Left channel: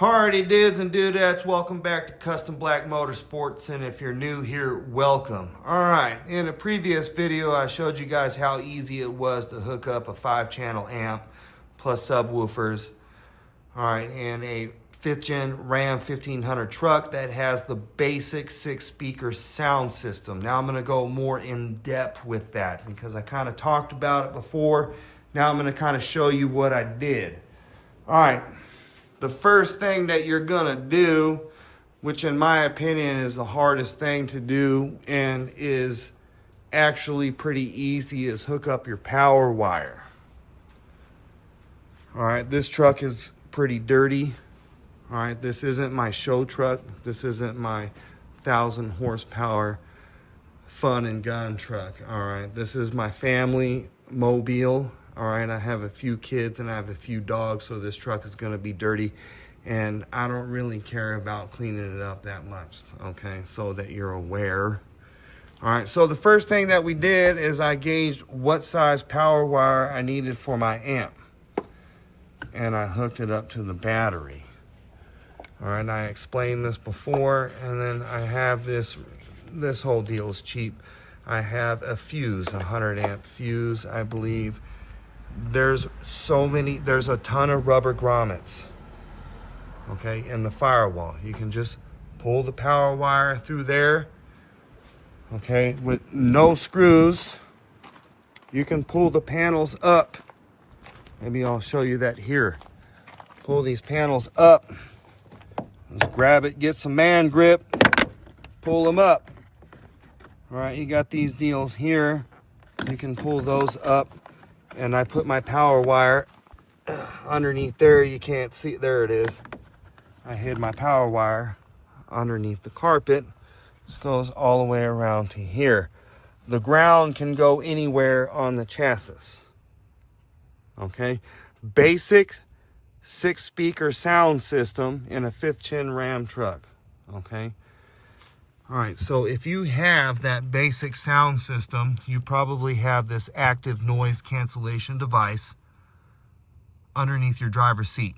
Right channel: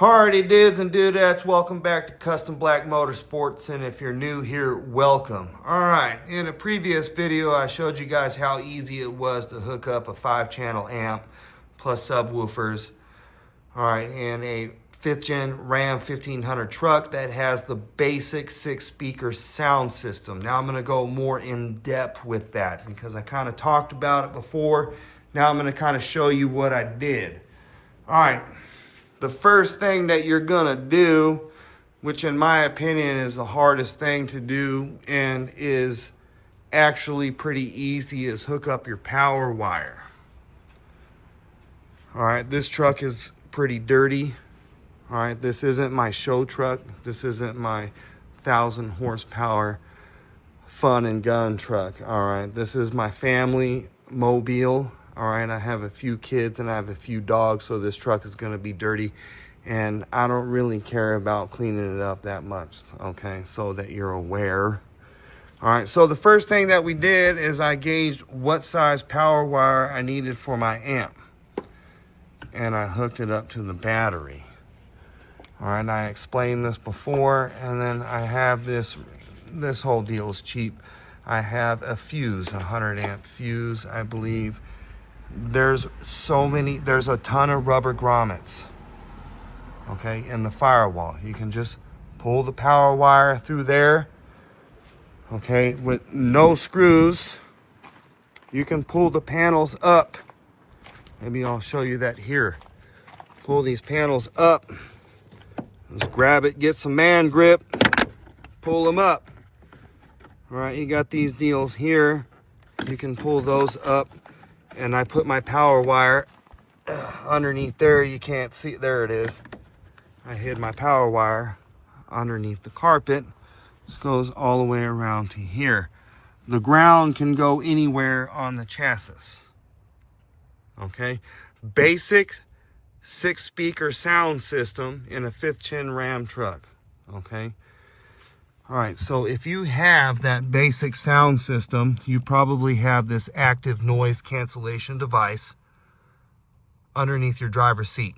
Hardy dudes and dudettes, welcome back to Custom Black Motorsports, and if you're new here, welcome. All right, in a previous video, I showed you guys how easy it was to hook up a 5-channel amp plus subwoofers, all right, in a 5th gen Ram 1500 truck that has the basic 6-speaker sound system. Now I'm gonna go more in depth with that because I kind of talked about it before. Now I'm gonna kind of show you what I did. All right. The first thing that you're gonna do, which in my opinion is the hardest thing to do and is actually pretty easy, is hook up your power wire. All right, this truck is pretty dirty. All right, this isn't my show truck. This isn't my 1,000 horsepower fun and gun truck. All right, this is my family mobile. All right, I have a few kids and I have a few dogs, so this truck is going to be dirty, and I don't really care about cleaning it up that much, okay, so that you're aware. All right, so the first thing that we did is I gauged what size power wire I needed for my amp, and I hooked it up to the battery. All right, I explained this before, and then I have this whole deal is cheap. I have a fuse, a 100 amp fuse, I believe. There's a ton of rubber grommets, okay, in the firewall. You can just pull the power wire through there, okay, with no screws. You can pull the panels up. Maybe I'll show you that here. Pull these panels up. Just grab it, get some man grip, pull them up. All right, you got these deals here. You can pull those up. And I put my power wire underneath there. You can't see it. There it is. I hid my power wire underneath the carpet. This goes all the way around to here. The ground can go anywhere on the chassis. Okay. Basic 6-speaker sound system in a 5th gen Ram truck. Okay. All right, so if you have that basic sound system, you probably have this active noise cancellation device underneath your driver's seat.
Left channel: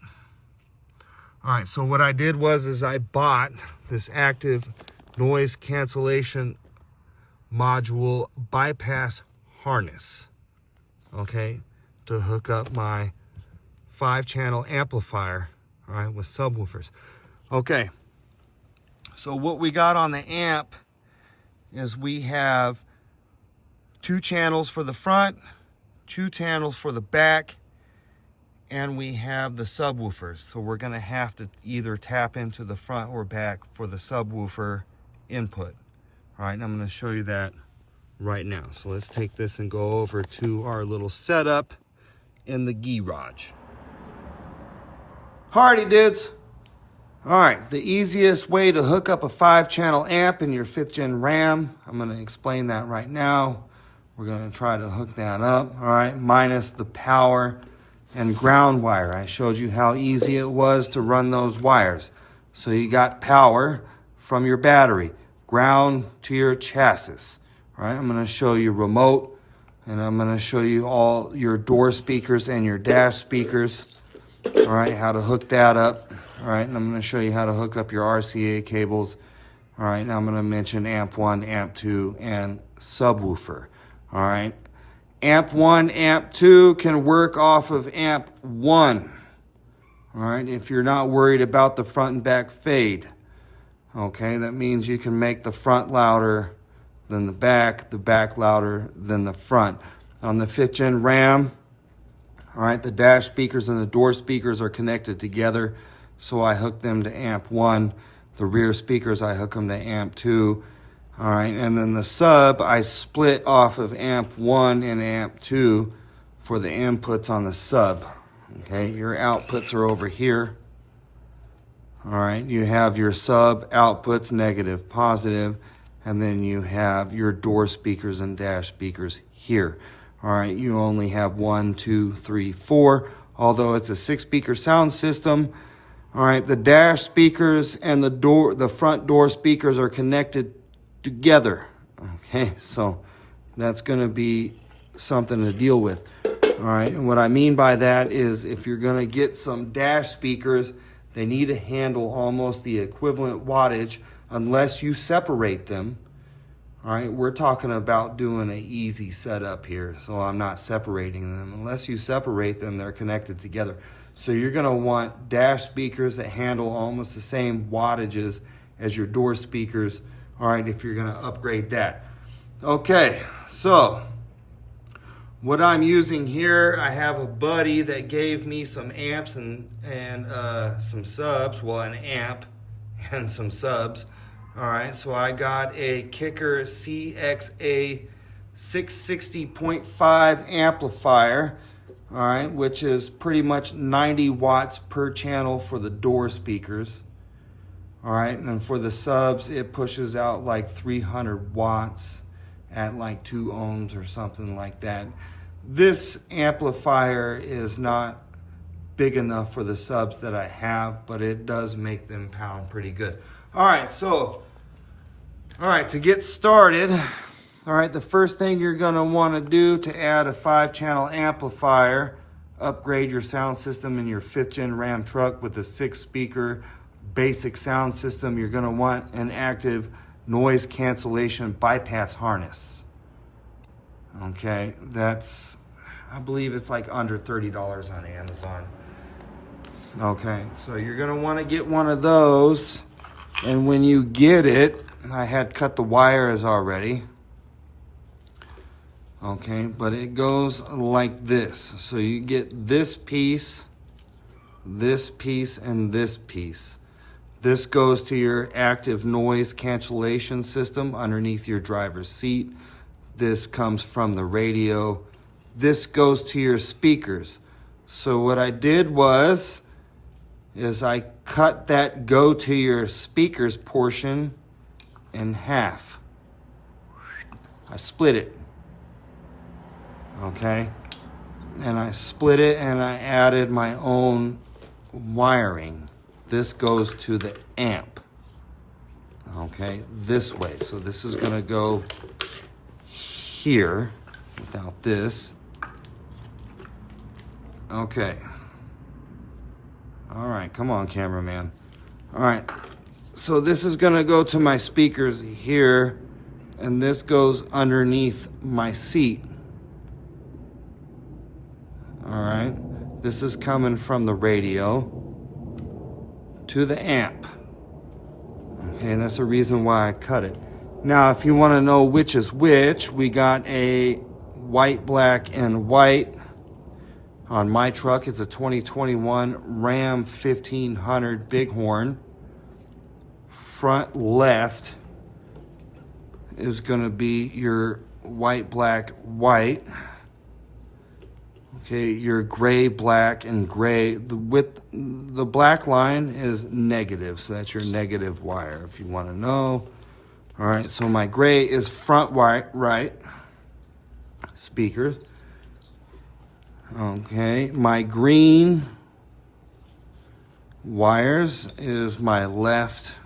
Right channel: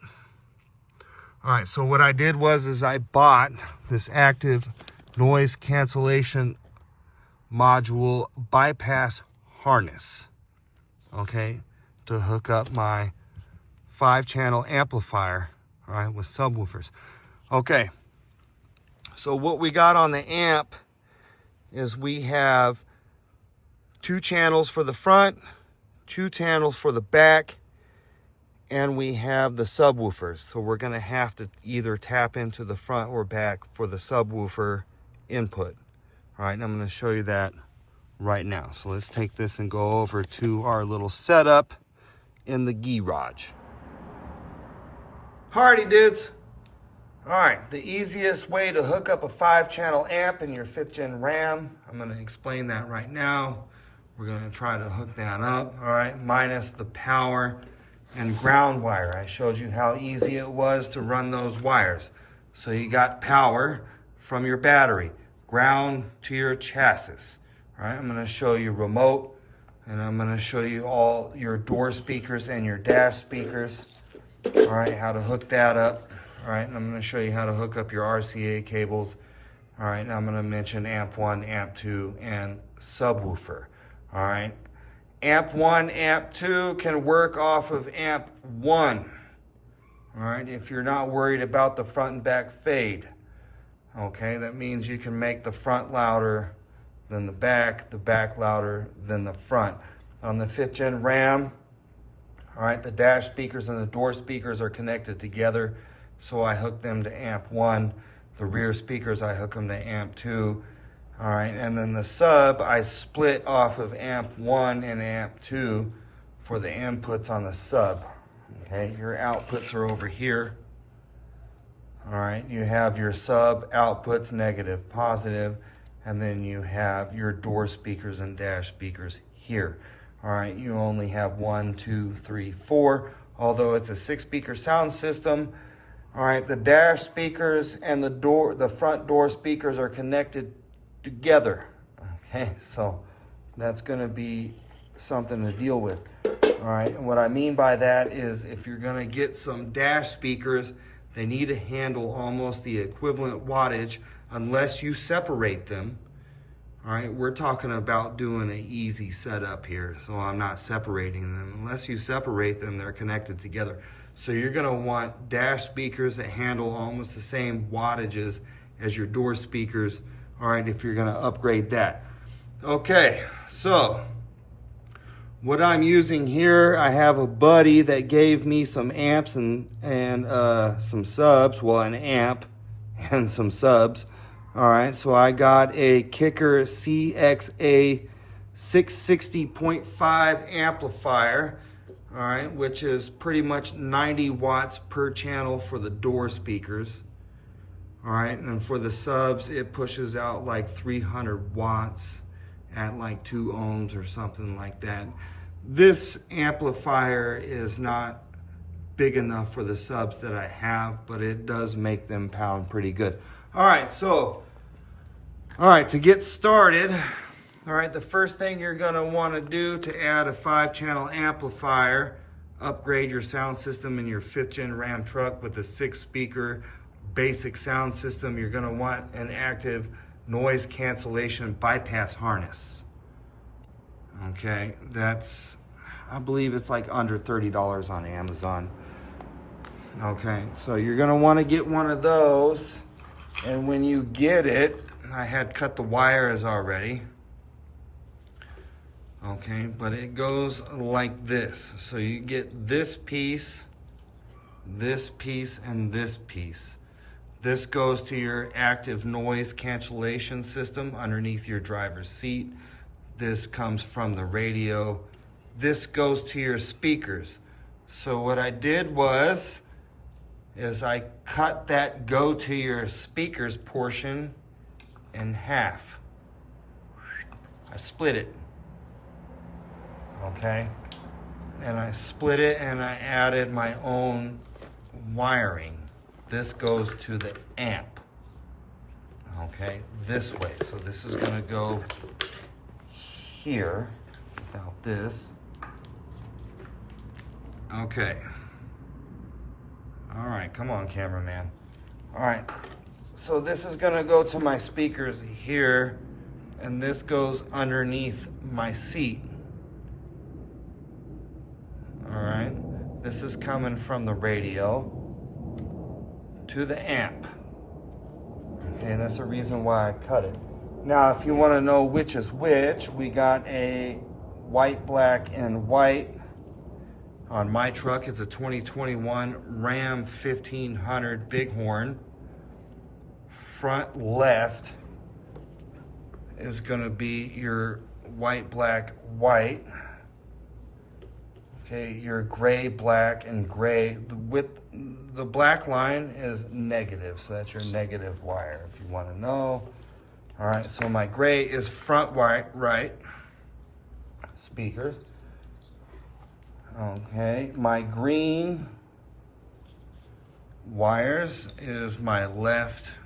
All right, so what I did was I bought this active noise cancellation module bypass harness, okay, to hook up my 5-channel amplifier, all right, with subwoofers. Okay. So what we got on the amp is we have 2 channels for the front, 2 channels for the back, and we have the subwoofers. So we're going to have to either tap into the front or back for the subwoofer input. All right, and I'm going to show you that right now. So let's take this and go over to our little setup in the garage. Hardy dudes. All right, the easiest way to hook up a 5-channel amp in your 5th gen Ram, I'm going to explain that right now. We're going to try to hook that up, all right, minus the power and ground wire. I showed you how easy it was to run those wires. So you got power from your battery, ground to your chassis. All right, I'm going to show you remote, and I'm going to show you all your door speakers and your dash speakers, all right, how to hook that up. All right, and I'm going to show you how to hook up your RCA cables. All right, now I'm going to mention amp 1, amp 2, and subwoofer. All right, amp 1, amp 2 can work off of amp 1. All right, if you're not worried about the front and back fade. Okay, that means you can make the front louder than the back louder than the front. On the 5th gen Ram, all right, the dash speakers and the door speakers are connected together. So I hook them to amp 1. The rear speakers, I hook them to amp 2. All right, and then the sub, I split off of amp 1 and amp 2 for the inputs on the sub. Okay, your outputs are over here. All right, you have your sub outputs, negative, positive, and then you have your door speakers and dash speakers here. All right, you only have 1, 2, 3, 4. Although it's a 6-speaker sound system, all right, the dash speakers and the front door speakers are connected together. Okay, so that's going to be something to deal with. All right, and what I mean by that is if you're going to get some dash speakers They need to handle almost the equivalent wattage unless you separate them. All right, we're talking about doing an easy setup here, so I'm not separating them. Unless you separate them, they're connected together. So you're gonna want dash speakers that handle almost the same wattages as your door speakers, all right, if you're gonna upgrade that. Okay, so what I'm using here, I have a buddy that gave me some amps and some subs, well, an amp and some subs. All right, so I got a Kicker CXA 660.5 amplifier, all right, which is pretty much 90 watts per channel for the door speakers. All right, and for the subs, it pushes out like 300 watts at like 2 ohms or something like that. This amplifier is not big enough for the subs that I have, but it does make them pound pretty good. All right, to get started, all right, the first thing you're gonna wanna do to add a 5-channel amplifier, upgrade your sound system in your 5th gen Ram truck with a 6-speaker basic sound system, you're gonna want an active noise cancellation bypass harness. Okay, that's, I believe it's like under $30 on Amazon. Okay, so you're gonna wanna get one of those, and when you get it, I had cut the wires already. Okay, but it goes like this. So you get this piece, and this piece. This goes to your active noise cancellation system underneath your driver's seat. This comes from the radio. This goes to your speakers. So what I did is I cut that go to your speakers portion in half. I split it. Okay, and I split it and I added my own wiring. This goes to the amp, okay, this way. So this is gonna go here without this. Okay. All right, come on, cameraman. All right, so this is gonna go to my speakers here, and this goes underneath my seat. All right, this is coming from the radio to the amp. Okay, and that's the reason why I cut it. Now, if you want to know which is which, we got a white, black, and white on my truck. It's a 2021 Ram 1500 Bighorn. Front left is going to be your white, black, white. Okay, your gray, black, and gray. The black line is negative, so that's your negative wire if you want to know. All right, so my gray is front right speakers. Okay, my green wires is my left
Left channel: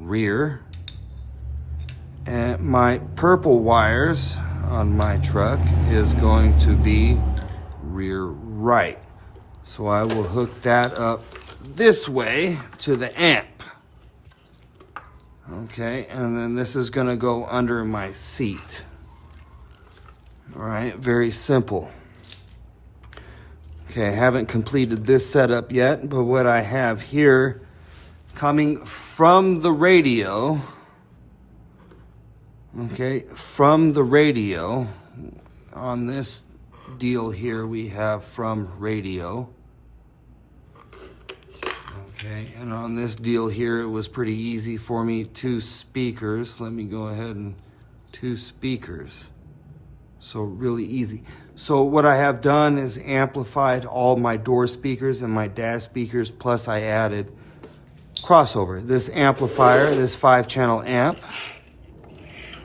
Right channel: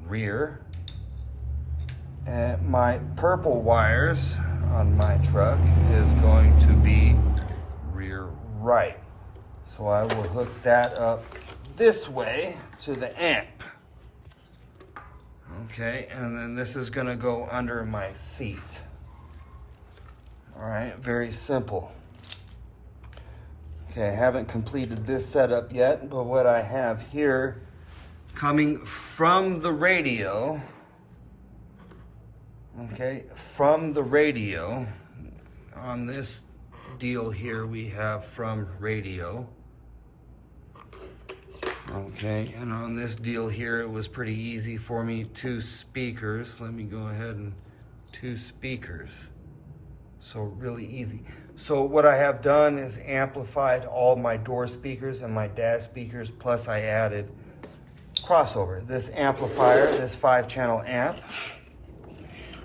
rear. And my purple wires on my truck is going to be rear right. So I will hook that up this way to the amp. Okay, and then this is gonna go under my seat. All right, very simple. Okay, I haven't completed this setup yet, but what I have here coming from the radio, okay, from the radio, on this deal here we have from radio. Okay, and on this deal here it was pretty easy for me. 2 speakers. Let me go ahead and 2 speakers. So really easy. So what I have done is amplified all my door speakers and my dash speakers, plus I added crossover. This amplifier, this 5-channel amp,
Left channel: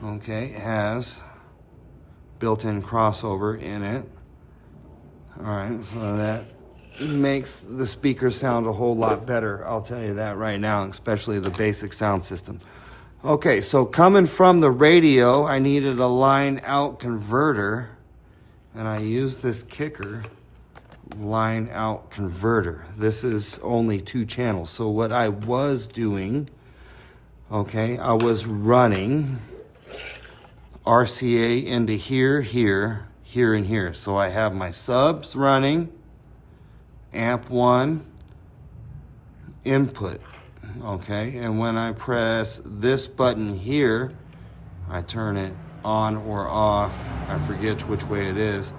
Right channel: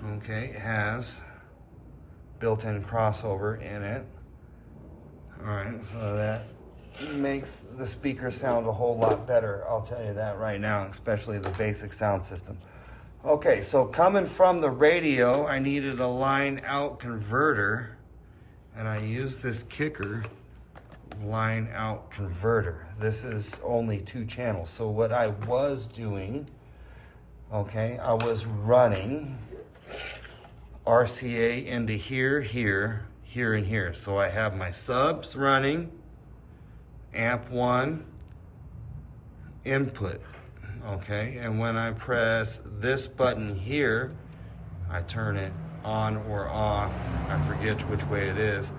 okay, has built-in crossover in it. All right, so that makes the speakers sound a whole lot better. I'll tell you that right now, especially the basic sound system. Okay, so coming from the radio, I needed a line out converter, and I used this Kicker line out converter. This is only 2 channels. So what I was doing, okay, I was running RCA into here, here, here, and here. So I have my subs running, amp 1, input, okay? And when I press this button here, I turn it on or off. I forget which way it is.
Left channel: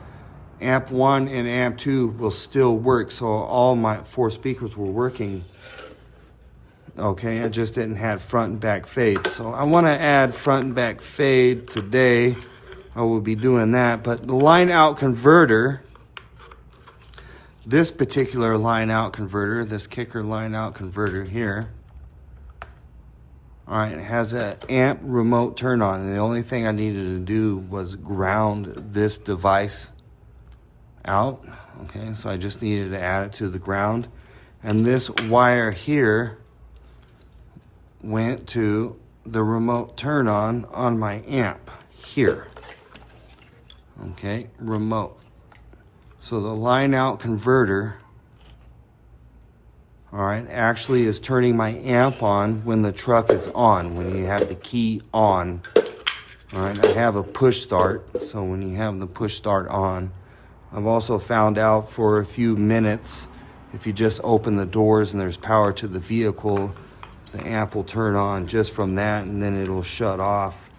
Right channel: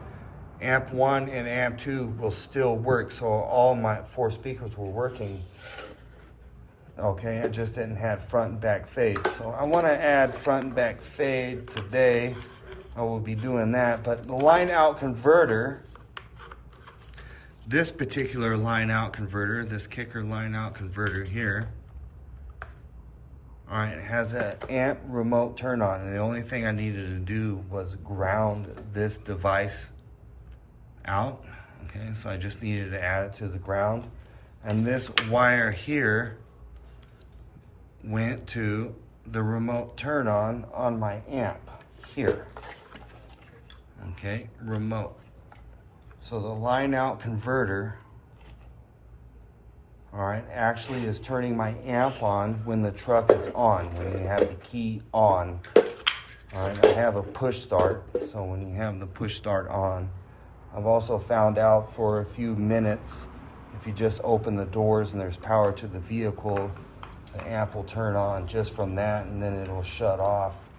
Amp 1 and amp 2 will still work. So all my 4 speakers were working. Okay, I just didn't have front and back fade. So I want to add front and back fade today. I will be doing that. But the line out converter, this particular line out converter, this kicker line out converter here, all right, it has an amp remote turn on. And the only thing I needed to do was ground this device out. Okay, so I just needed to add it to the ground. And this wire here went to the remote turn on my amp here. Okay, remote. So the line out converter, all right, actually is turning my amp on when the truck is on, when you have the key on. All right, I have a push start, so when you have the push start on, I've also found out for a few minutes, if you just open the doors and there's power to the vehicle, the amp will turn on just from that, and then it'll shut off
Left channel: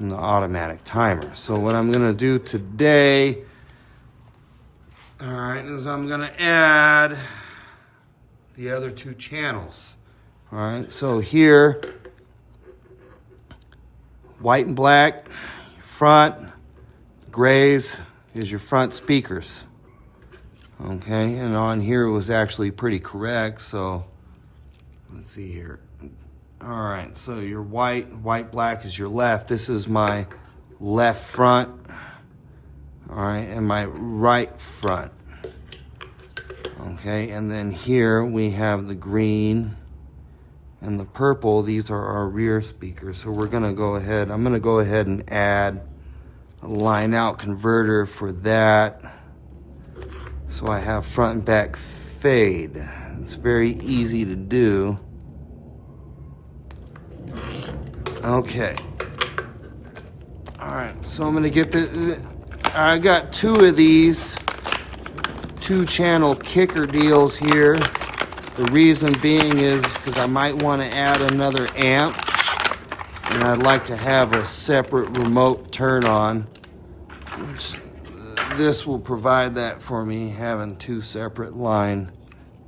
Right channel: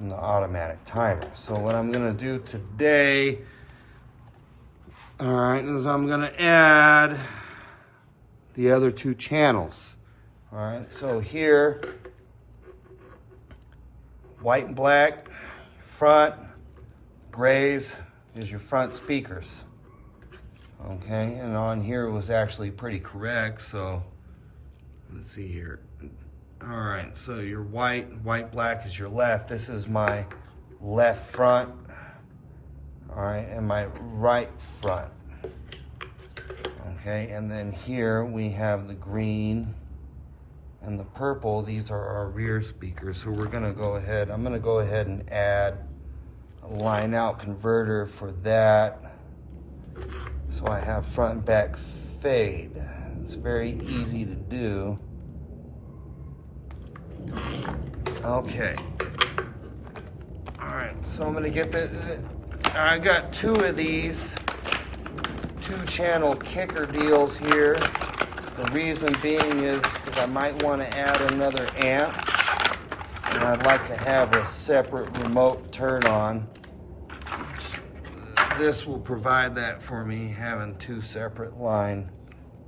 in the automatic timer. So what I'm gonna do today, all right, is I'm gonna add the other 2 channels. All right, so here, white and black, front, grays is your front speakers. Okay, and on here it was actually pretty correct, so let's see here. All right, so your white, black is your left. This is my left front, all right, and my right front. Okay, and then here we have the green and the purple. These are our rear speakers. So we're gonna go ahead, I'm gonna go ahead and add a line out converter for that. So I have front and back fade. It's very easy to do. Okay. All right, so I'm gonna get I got 2 of these 2-channel kicker deals here. The reason being is because I might want to add another amp, and I'd like to have a separate remote turn on. This will provide that for me, having 2 separate line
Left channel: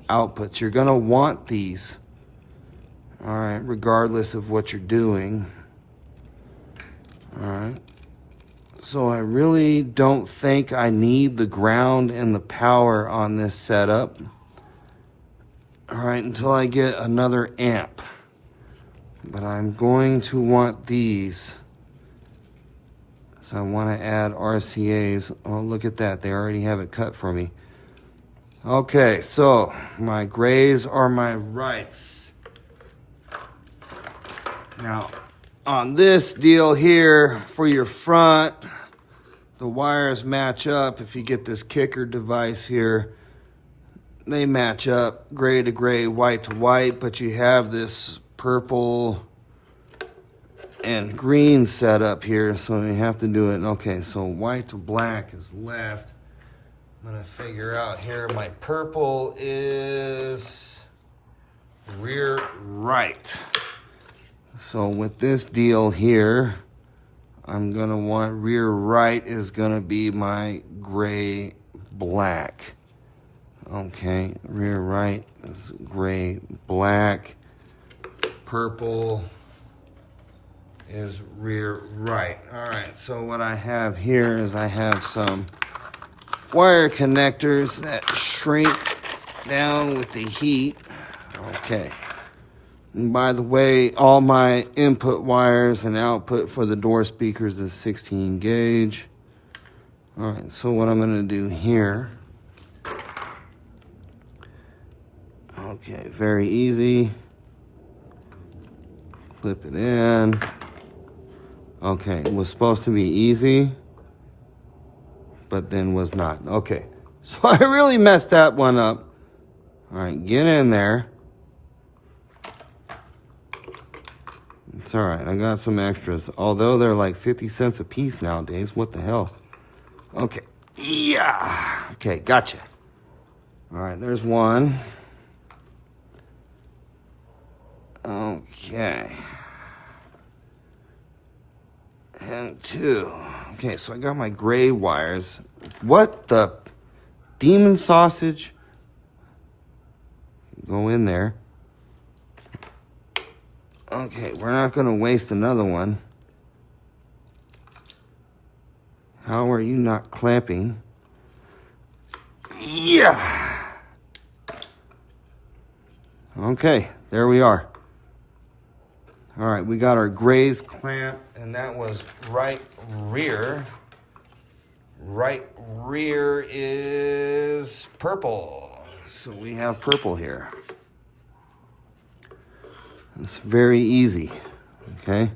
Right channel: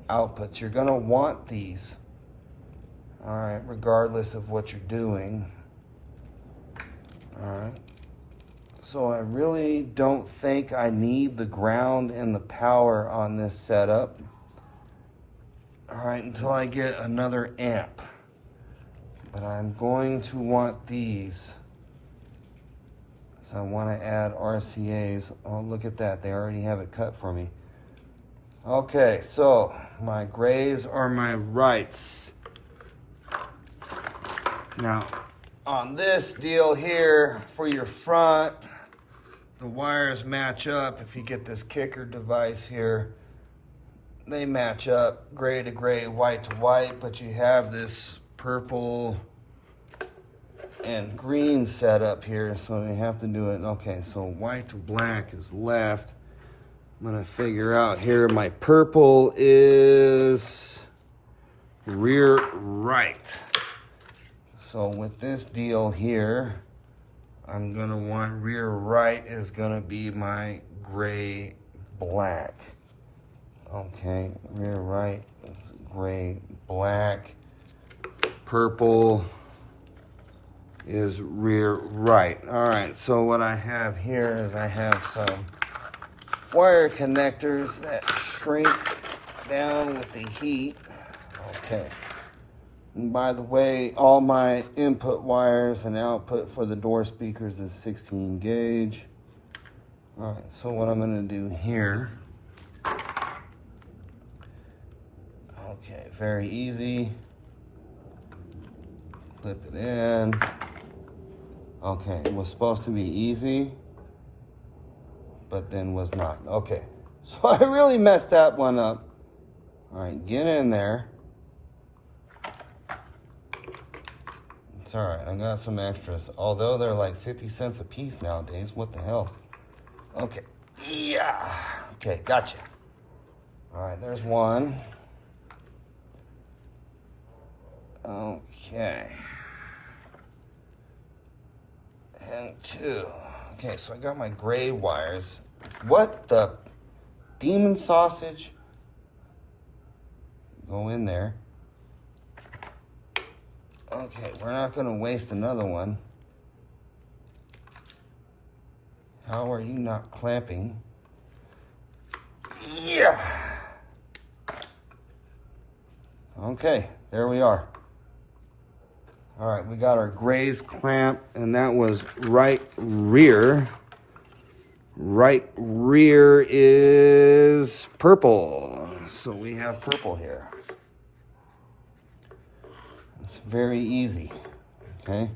outputs. You're gonna want these, all right, regardless of what you're doing. All right. So I really don't think I need the ground and the power on this setup. All right, until I get another amp. But I'm going to want these. So I want to add RCAs. Oh, look at that. They already have it cut for me. Okay, so my grays are my rights. Now, on this deal here, for your front, the wires match up. If you get this kicker device here, they match up gray to gray, white to white, but you have this purple and green set up here, so you have to do it. Okay, so white to black is left. I'm gonna figure out here, my purple is rear right. So with this deal here, I'm gonna want rear right is gonna be my gray black. Okay, rear right is gray black. Purple is rear right. All right, so what I have here is I have some wire connectors that shrink down with the heat. Okay. And by the way, all my input wires and output for the door speakers is 16 gauge. All right, so what I'm gonna do here, okay, very easy. Clip it in. Okay, it was supposed to be easy, but then was not. Okay, So I really messed that one up. All right, get in there. It's all right, I got some extras. Although they're like 50 cents a piece nowadays, what the hell? Okay, yeah. Okay, gotcha. All right, there's one. Okay. And two. Okay, so I got my gray wires. What the demon sausage? Go in there. Okay, we're not gonna waste another one. How are you not clamping? Yeah. Okay, there we are. All right, we got our grays clamp, and that was right rear. Right rear is purple. So we have purple here. It's very easy, okay?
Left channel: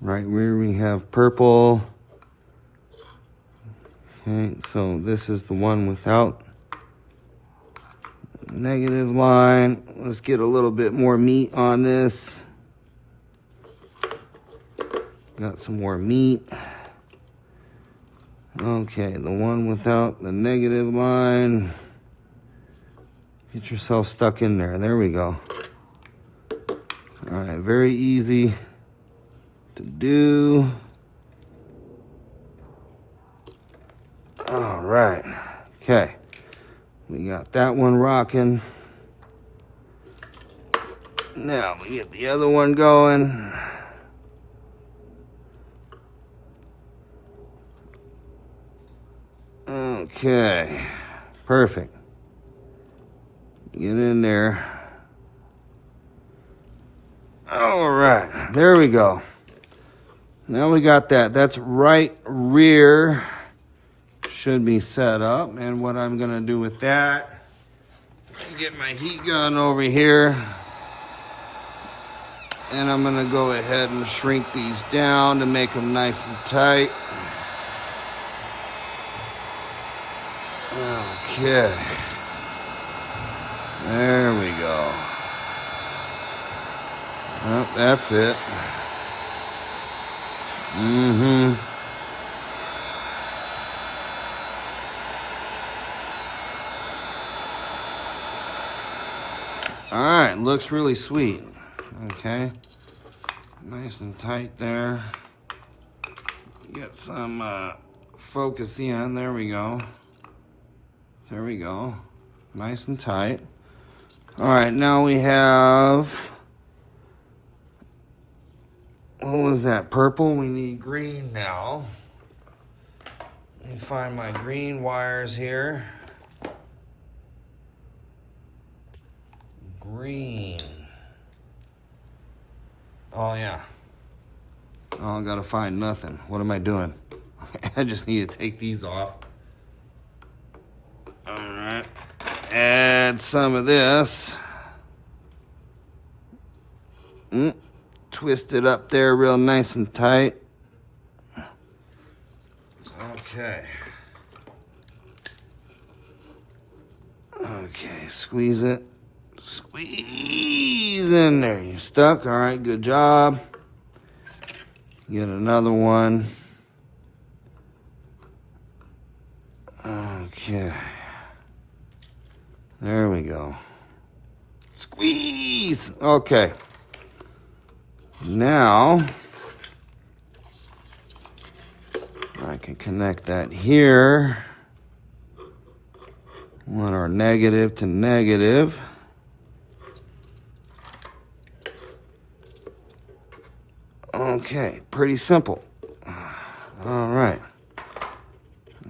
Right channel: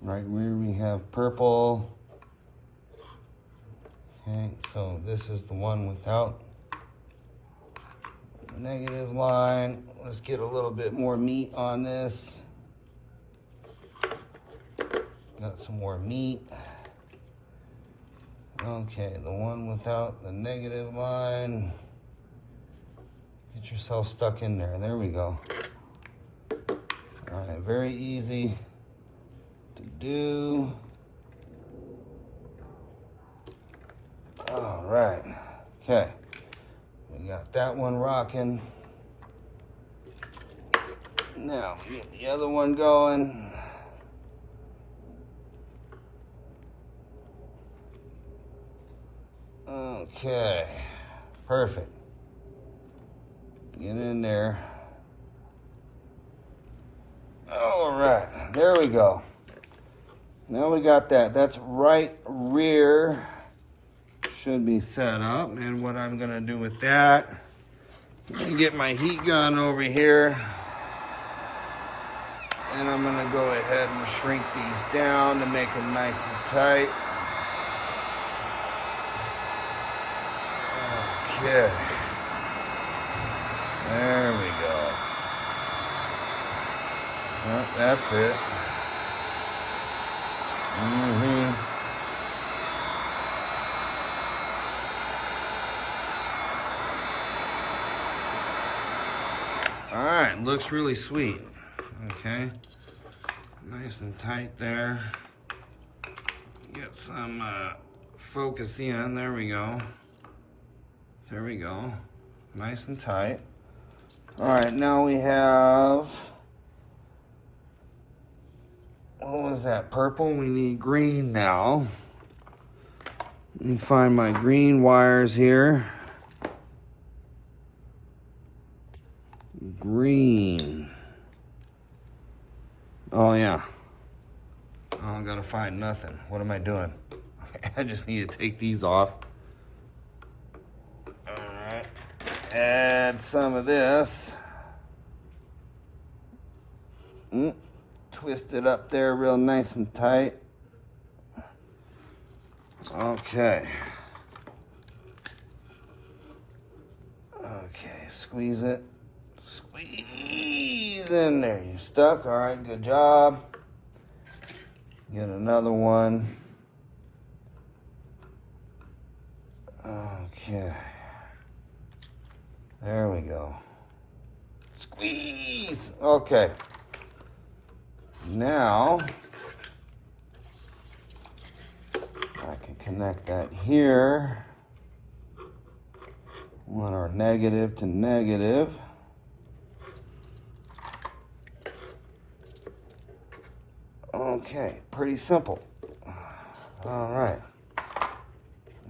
Right rear we have purple. Okay, so this is the one without negative line. Let's get a little bit more meat on this. Got some more meat. Okay, the one without the negative line. Get yourself stuck in there. There we go. All right, very easy to do. All right, okay. We got that one rocking. Now we get the other one going. Okay, perfect. Get in there. All right, there we go. Now we got that. That's right rear should be set up. And what I'm gonna do with that, get my heat gun over here. And I'm gonna go ahead and shrink these down to make them nice and tight. Okay. There we go. Oh, that's it. All right, looks really sweet. Okay. Nice and tight there. Get some focus in. There we go. There we go. Nice and tight. All right, now we have, what was that, purple? We need green now. Let me find my green wires here. Green. Oh, yeah. Oh, I gotta find nothing. What am I doing? I just need to take these off. Add some of this. Twist it up there real nice and tight. Okay. Okay, squeeze it. Squeeze in there. You're stuck. All right, good job. Get another one. Okay. There we go. Squeeze! Okay. Now, I can connect that here. Want our negative to negative. Okay, pretty simple. All right.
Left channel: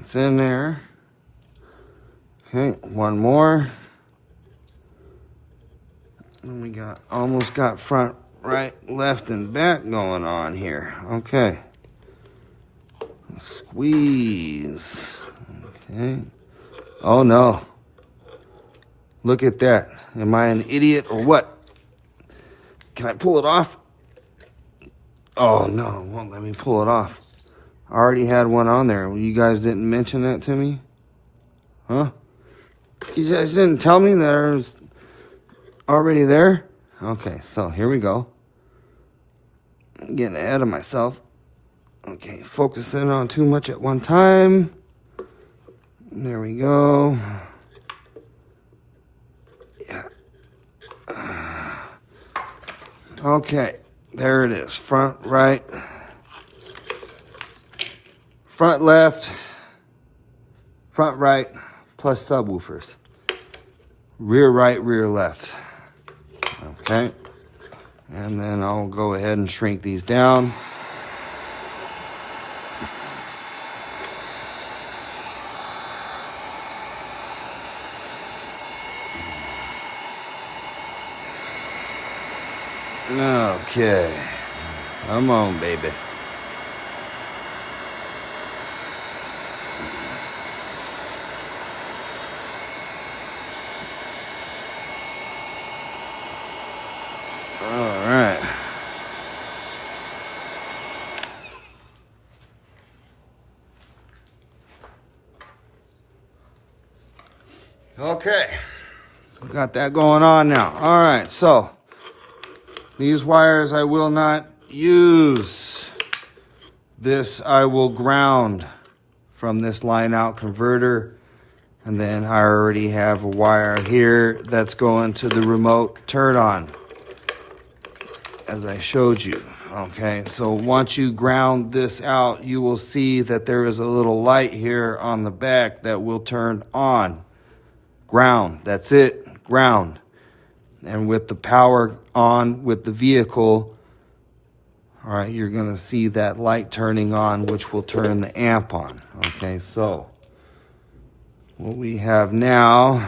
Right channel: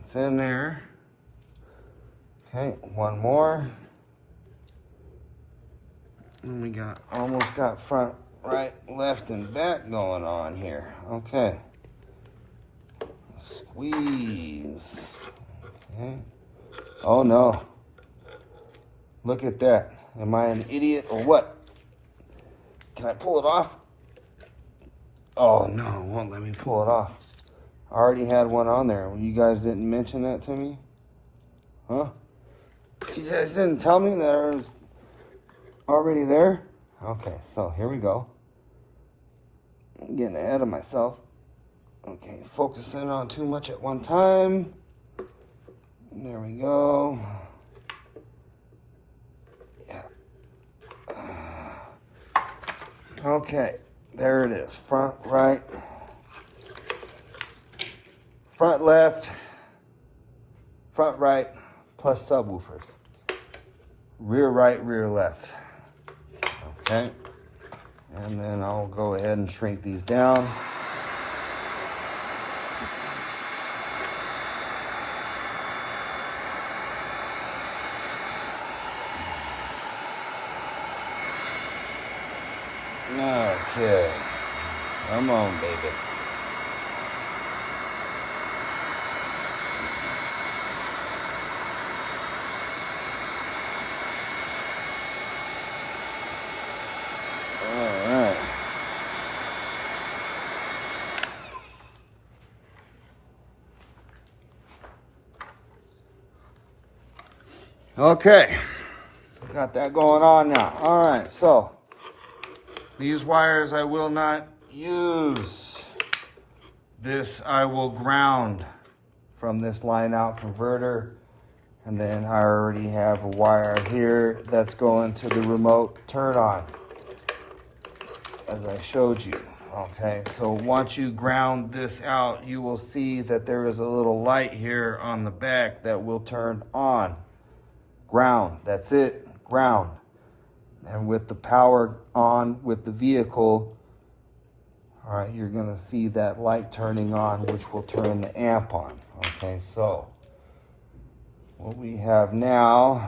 It's in there. Okay, one more. And we got almost got front, right, left, and back going on here. Okay. Squeeze. Okay. Oh no. Look at that. Am I an idiot or what? Can I pull it off? Oh no, it won't let me pull it off. I already had one on there. You guys didn't mention that to me? Huh? You just didn't tell me that it was already there? Okay, so here we go. I'm getting ahead of myself. Okay, focusing on too much at one time. There we go. Yeah. Okay, there it is. Front right. Front left. Front right plus subwoofers. Rear right, rear left. Okay. And then I'll go ahead and shrink these down. Okay. Come on, baby. All right. Okay. Got that going on now. All right, so these wires I will not use. This I will ground from this line out converter. And then I already have a wire here that's going to the remote turn on, as I showed you. Okay, so once you ground this out, you will see that there is a little light here on the back that will turn on. Ground, that's it, ground. And with the power on with the vehicle, all right, you're gonna see that light turning on, which will turn the amp on. Okay, so what we have now,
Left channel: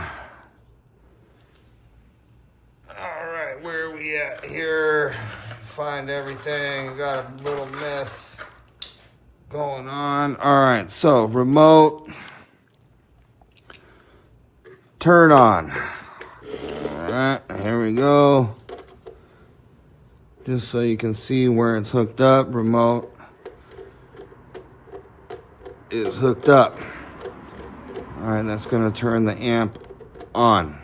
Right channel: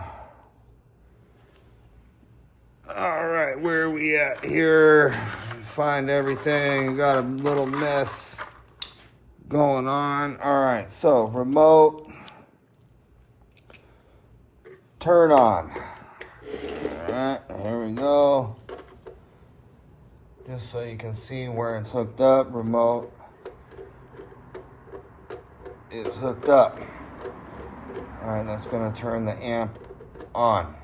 all right, where are we at here? Find everything, got a little mess going on. All right, so remote, turn on. All right, here we go. Just so you can see where it's hooked up, remote is hooked up. All right, that's gonna turn the amp on.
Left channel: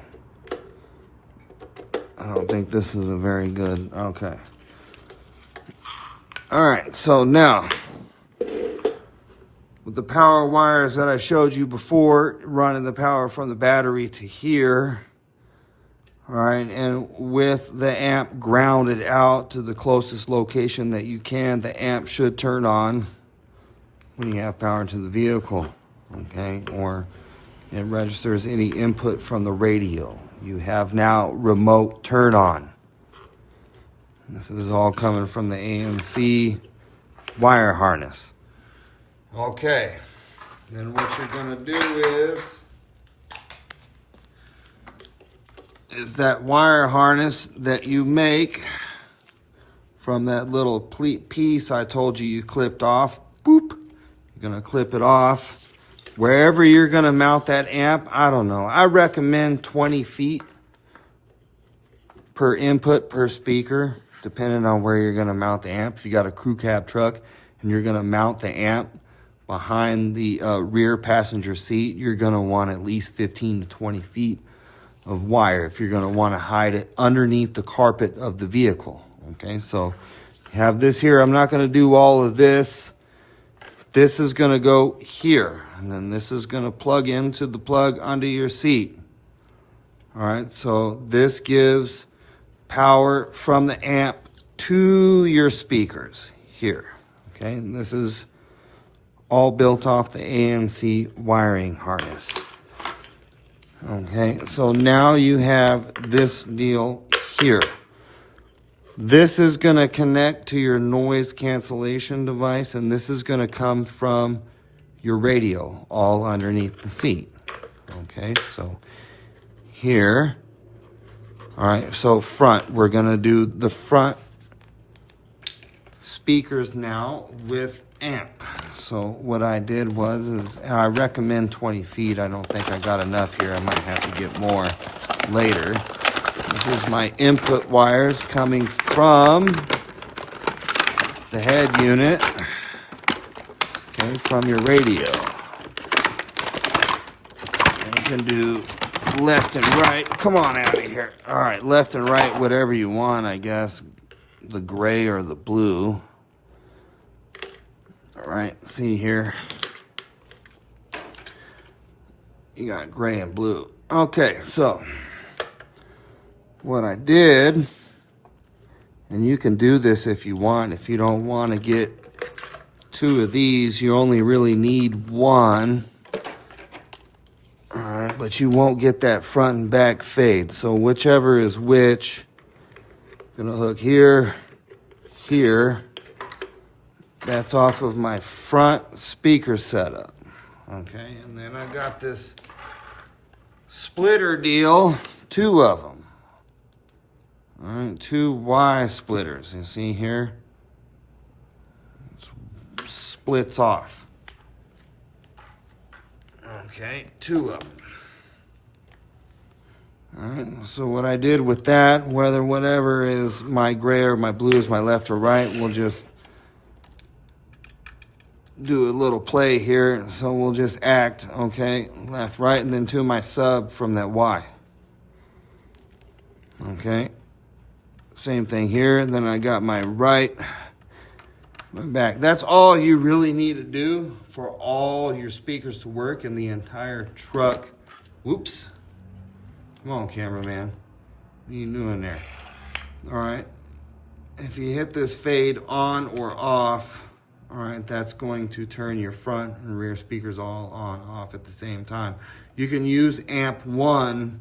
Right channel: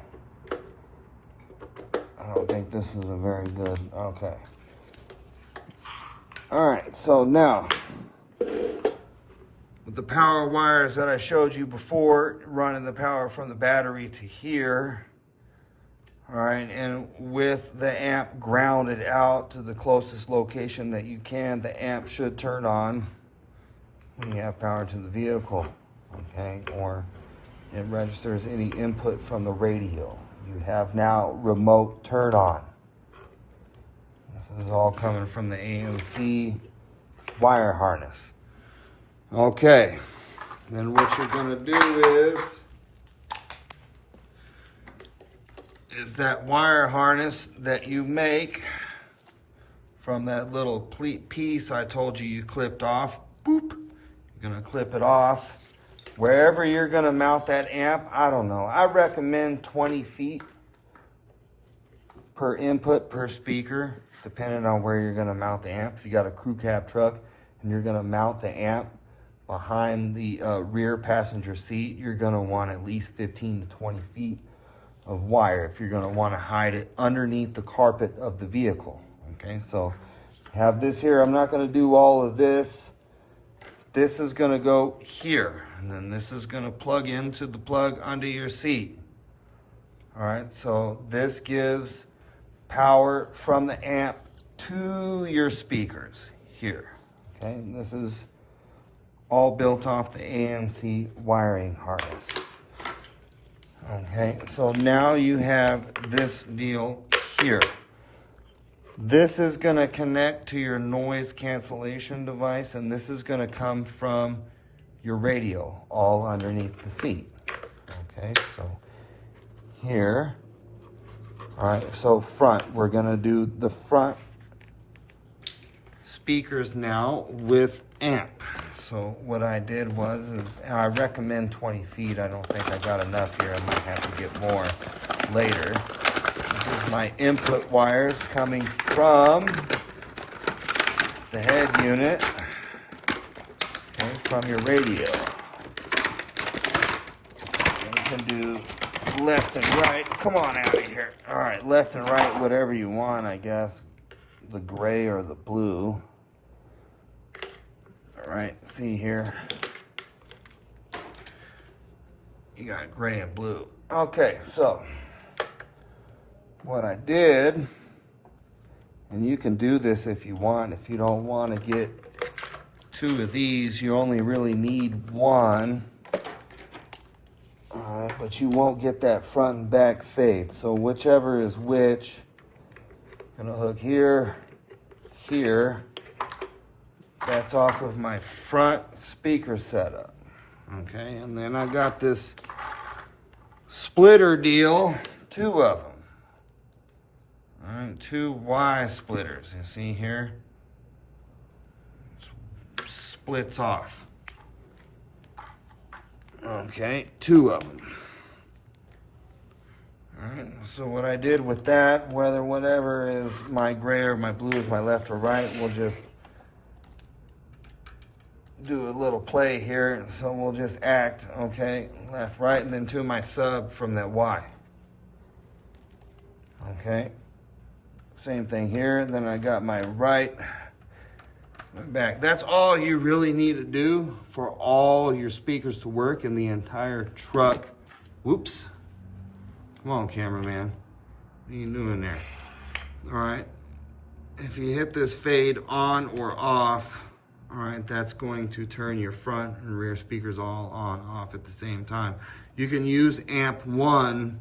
I don't think this is a very good, okay. All right, so now, with the power wires that I showed you before, running the power from the battery to here, all right, and with the amp grounded out to the closest location that you can, the amp should turn on when you have power to the vehicle, okay, or it registers any input from the radio. You have now remote turn on. This is all coming from the ANC wire harness. Okay, then what you're gonna do is that wire harness that you make from that little piece I told you you clipped off, boop, you're gonna clip it off. Wherever you're gonna mount that amp, I don't know, I recommend 20 feet per input per speaker, depending on where you're gonna mount the amp. If you got a crew cab truck and you're gonna mount the amp behind the rear passenger seat, you're gonna want at least 15 to 20 feet of wire if you're gonna wanna hide it underneath the carpet of the vehicle. Okay, so have this here. I'm not gonna do all of this. This is gonna go here, and then this is gonna plug into the plug under your seat. All right, so this gives power from the amp to your speakers here. Okay, and this is all built off the ANC wiring harness. Okay, so now you have this deal here. This is gonna connect to your noise cancellation device, and this is gonna come from your radio all underneath the seat. Okay, so here, all right, so front, we're gonna do the front speakers now with amp. So what I did was, and I recommend 20 feet. I don't think I got enough here. I might have to get more later. This is my input wires coming from the head unit, okay, from your radio. can do left and right. Come on out of here. All right, left and right, whatever you want, I guess. The gray or the blue. All right, see here. You got gray and blue. Okay, so what I did, and you can do this if you want. If you don't want to get two of these, you only really need one. All right, but you won't get that front and back fade. So whichever is which, I'm gonna hook here, here. That's off of my front speaker setup. Okay, and then I got this splitter deal, two of them. All right, two Y splitters. You see here? It splits off. Okay, two of them. All right, so what I did with that, whatever is my gray or my blue is my left or right, we'll just do a little play here. So we'll just act, okay, left, right, and then to my sub from that Y. Okay, same thing here. And then I got my right, my back. That's all you really need to do for all your speakers to work in the entire truck. Whoops. Come on, cameraman. What are you doing there? All right. If you hit this fade on or off, all right, that's going to turn your front and rear speakers all on, off at the same time. You can use amp 1,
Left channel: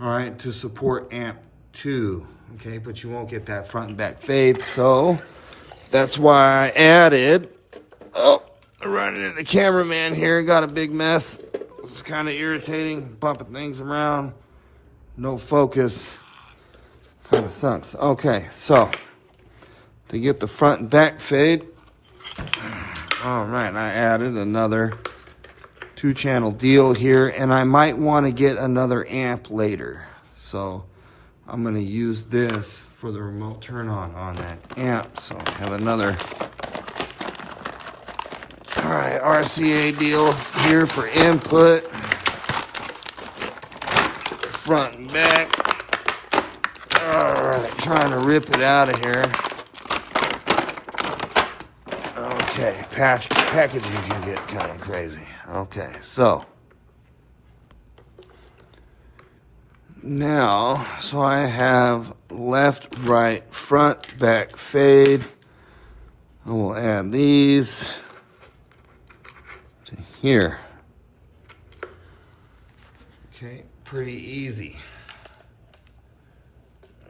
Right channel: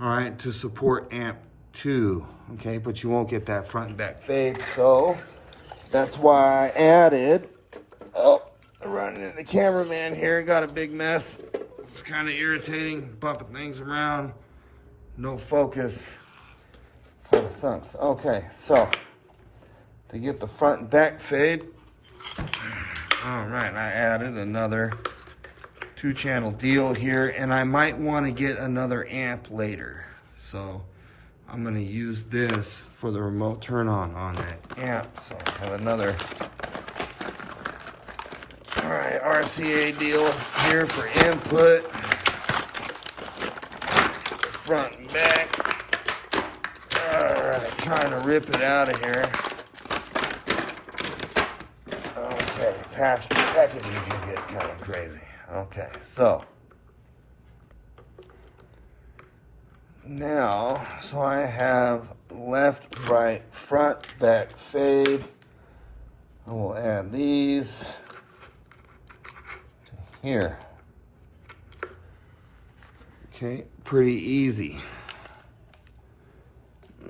all right, to support amp 2, okay, but you won't get that front and back fade. So that's why I added, oh, I'm running into the cameraman here, got a big mess. It's kind of irritating, bumping things around, no focus, kind of sucks. Okay, so to get the front and back fade, all right, I added another 2-channel deal here, and I might want to get another amp later. So I'm going to use this for the remote turn on that amp. So I have another RCA deal here for input, front and back. Trying to rip it out of here. Okay, packaging can get kind of crazy. Okay, so now, so I have left, right, front, back fade. We'll add these to here. Okay, pretty easy.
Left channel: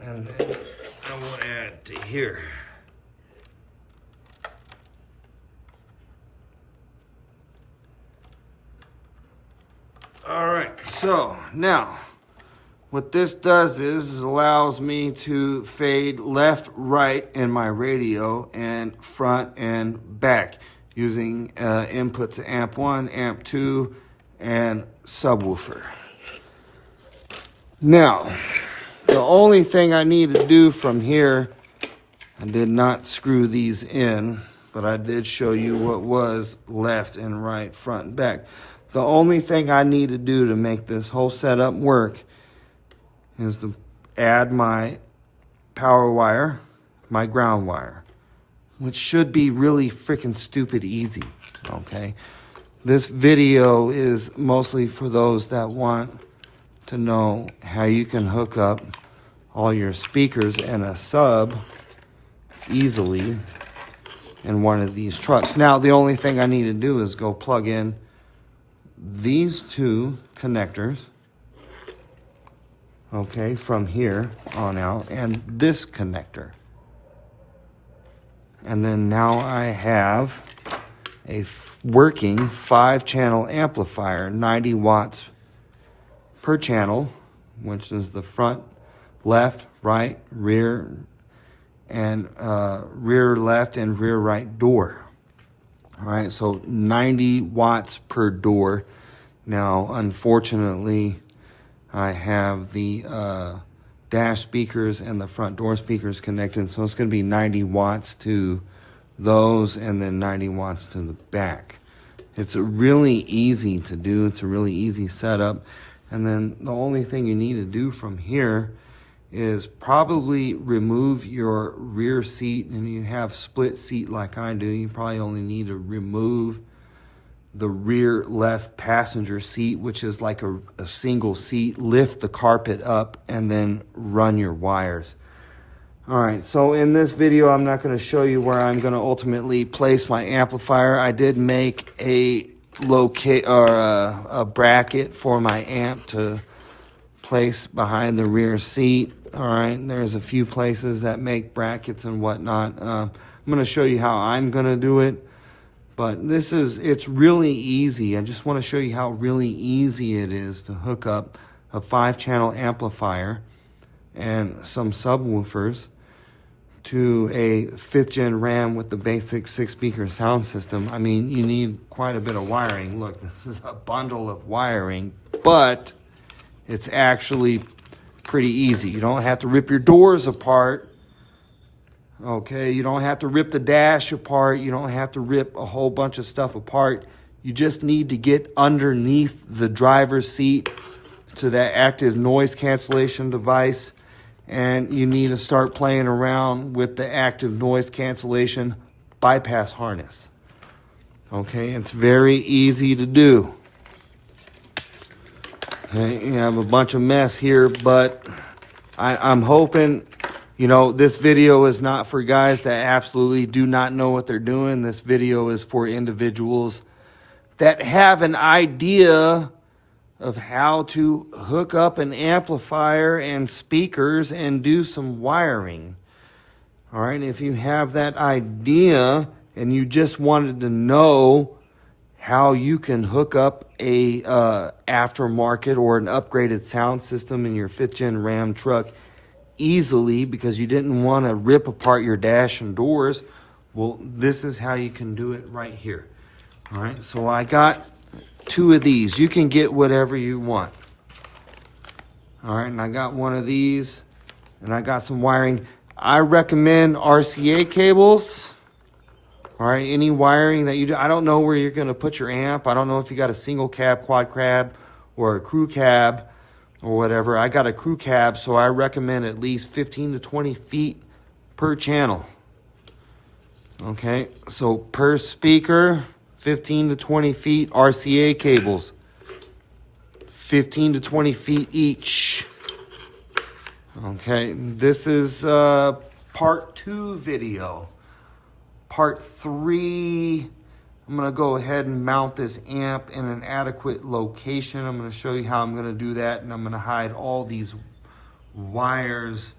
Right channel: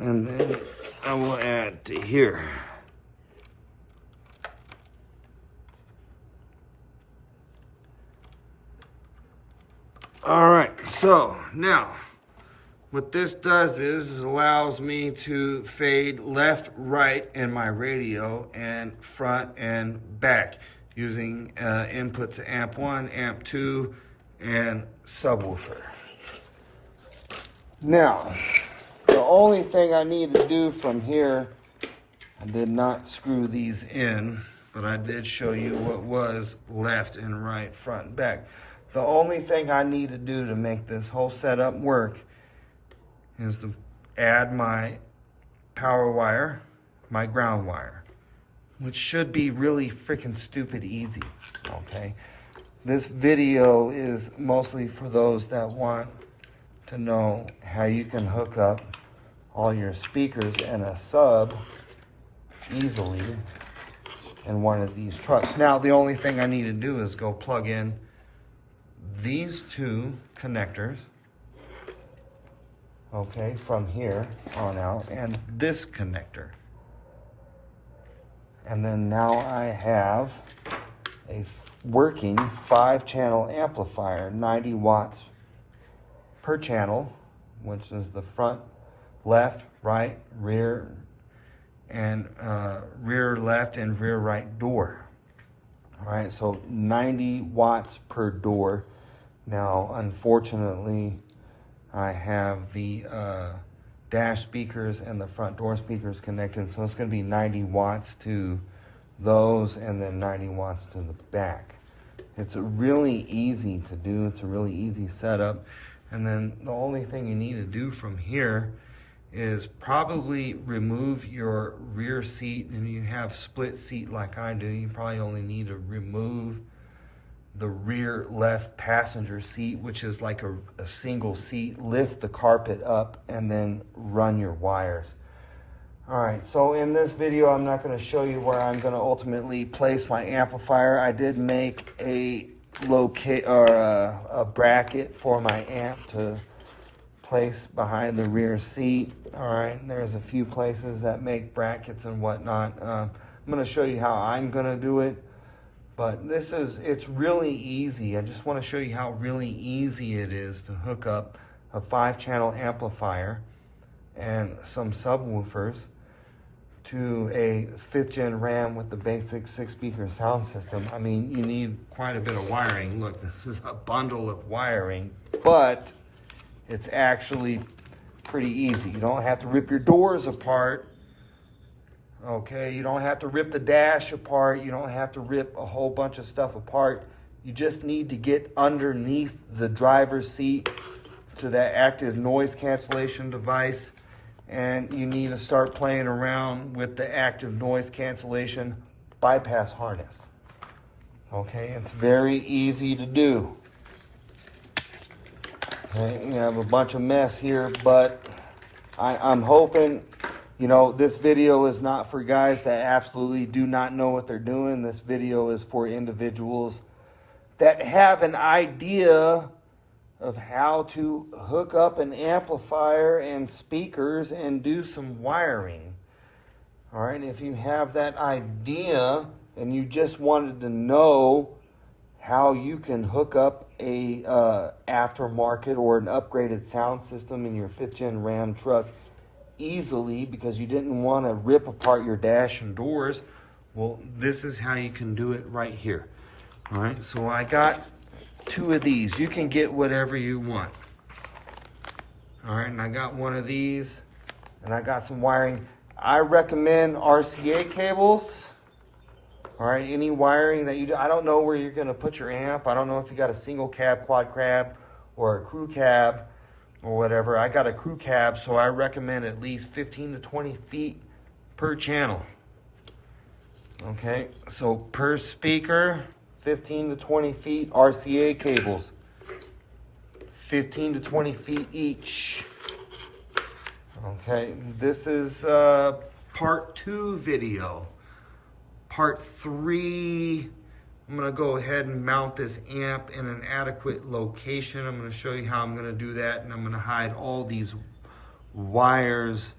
And then I will add to here. All right, so now what this does is it allows me to fade left, right in my radio and front and back using inputs amp 1, amp 2, and subwoofer. Now, the only thing I need to do from here, I did not screw these in, but I did show you what was left and right, front and back. The only thing I need to do to make this whole setup work is to add my power wire, my ground wire, which should be really freaking stupid easy, okay? This video is mostly for those that want to know how you can hook up all your speakers and a sub easily in one of these trucks. Now, the only thing I need to do is go plug in these two connectors, okay, from here on out, and this connector. And then now I have a working 5-channel amplifier, 90 watts per channel, which is the front, left, right, rear, and rear left and rear right door. All right, so 90 watts per door. Now, unfortunately, I have the dash speakers and the front door speakers connected, so it's going to be 90 watts to those and then 90 watts to the back. It's really easy to do. It's a really easy setup. And then the only thing you need to do from here is probably remove your rear seat. And you have split seat like I do, you probably only need to remove the rear left passenger seat, which is like a single seat. Lift the carpet up and then run your wires. All right, so in this video, I'm not going to show you where I'm going to ultimately place my amplifier. I did make a bracket for my amp to place behind the rear seat. All right, there's a few places that make brackets and whatnot. I'm going to show you how I'm going to do it, but it's really easy. I just want to show you how really easy it is to hook up a 5-channel amplifier and some subwoofers to a 5th gen RAM with the basic 6-speaker sound system. I mean, you need quite a bit of wiring. Look, this is a bundle of wiring, but it's actually pretty easy. You don't have to rip your doors apart. Okay, you don't have to rip the dash apart. You don't have to rip a whole bunch of stuff apart. You just need to get underneath the driver's seat to that active noise cancellation device, and you need to start playing around with the active noise cancellation bypass harness. Okay, it's very easy to do. Okay, you have a bunch of mess here, but I'm hoping, you know, this video is not for guys that absolutely do not know what they're doing. This video is for individuals that have an idea of how to hook up an amplifier and speakers and do some wiring. All right, if you have that idea and you just wanted to know how you can hook up a aftermarket or an upgraded sound system in your 5th gen RAM truck easily because you didn't want to rip apart your dash and doors, well, this is how you can do it right here. All right, so I got 2 of these. You can get whatever you want. All right, and I got one of these, and I got some wiring. I recommend RCA cables. All right, any wiring that you do. I don't know where you're going to put your amp. I don't know if you got a single cab, quad cab, or a crew cab, or whatever. I got a crew cab, so I recommend at least 15 to 20 feet per channel. Okay, so per speaker, 15 to 20 feet RCA cables, 15 to 20 feet each. Okay, this is part 2 video. Part 3, I'm gonna go ahead and mount this amp in an adequate location. I'm gonna show you how I'm gonna do that, and I'm gonna hide all these wires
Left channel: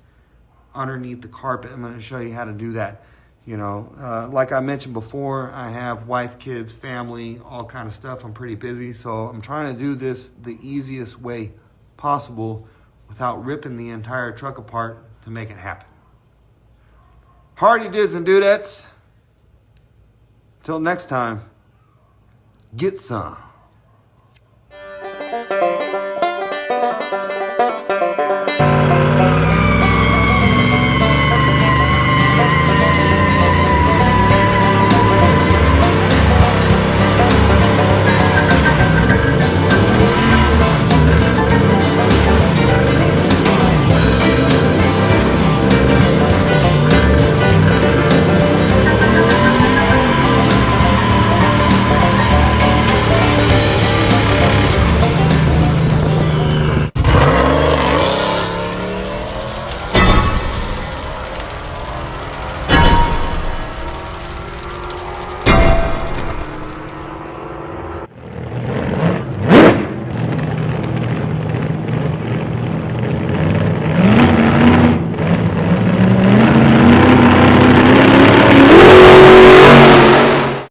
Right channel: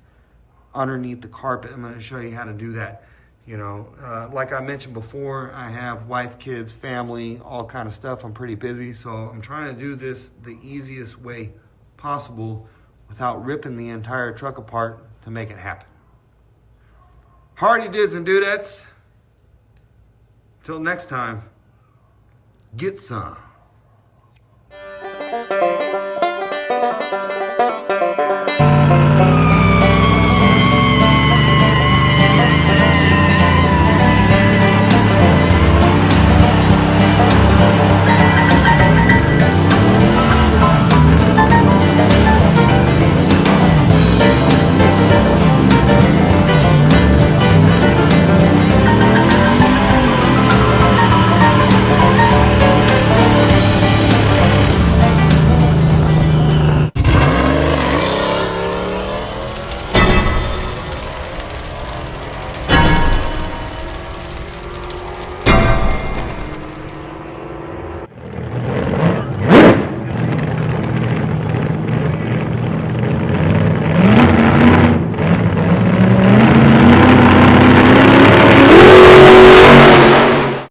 underneath the carpet. I'm gonna show you how to do that. You know, like I mentioned before, I have wife, kids, family, all kind of stuff. I'm pretty busy, so I'm trying to do this the easiest way possible without ripping the entire truck apart to make it happen. Hardy dudes and dudettes, till next time, get some.